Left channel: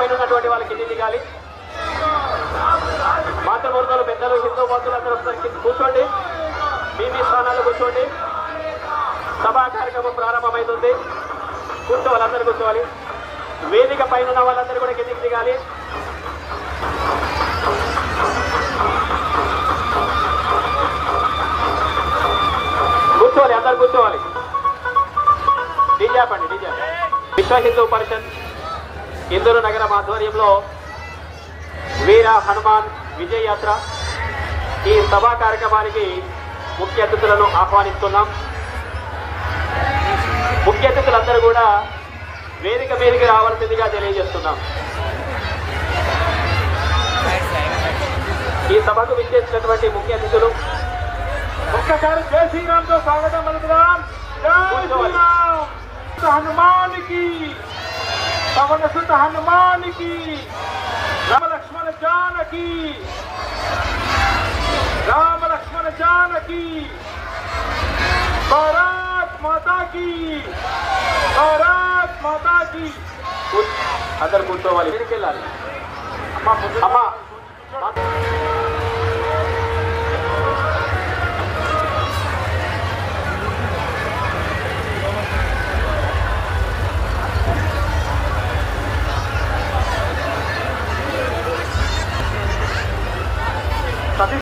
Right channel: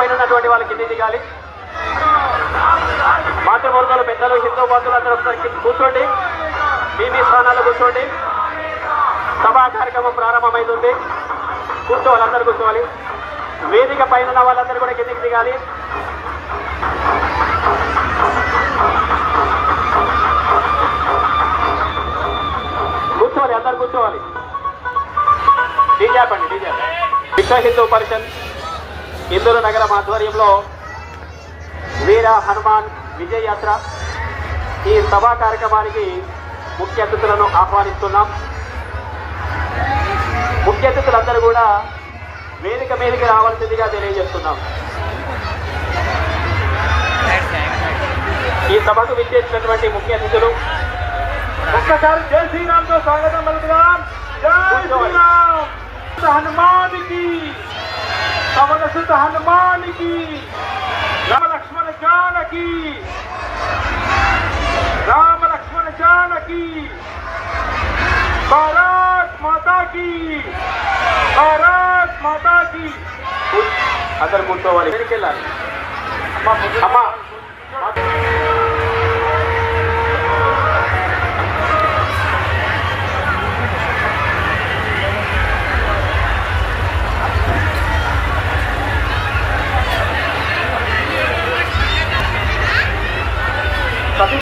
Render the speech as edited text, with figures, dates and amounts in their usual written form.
పైన ఉన్నటువంటి వాళ్ళు కింది దిగాలి. మాతృమూర్తులు, పెద్దలు, హిందూ బంధువులు అందరూ ఒకసారి కూర్చోండి. మీ స్థానాల్లో కూర్చోండి. సభా కార్యక్రమం ప్రారంభమైంది. కూర్చోవాలి, అందరూ కూర్చోవాలి. వేదిక పైన ఉన్న వాళ్ళందరూ కూడా కిందికి దిగాలి. కూర్చోవాలి, అందరు కూర్చోవాలి. డీజాపండి, డీజా. విశ్వ హిందూ పరిషత్ ఇందూరు నగరం ఆధ్వర్యంలో వీర హనుమాన్ విజయ యాత్ర ఈ సభా కార్యక్రమానికి ముఖ్య అతిథులను ఆహ్వానిస్తున్నాం. ముఖ్య అతిథులందరూ కూడా వేదిక మీదకి రావాల్సిందిగా తెలియజేస్తున్నాం. ఈ సభకు విచ్చేసినటువంటి ముఖ్య అతిథులు ఒక్కసారి జై శ్రీరామ్తో స్వాగతం పలుకుదాం. జై శ్రీరామ్. హనుమానికి, పవన సుత హనుమానికి, రామ లక్ష్మణ జానకి, రామ లక్ష్మణ జానకి, భారత్ మాతాకి, భారత్ మాతాకి. అందరు కూర్చోవాలి. వెళ్ళాలి. అమ్మా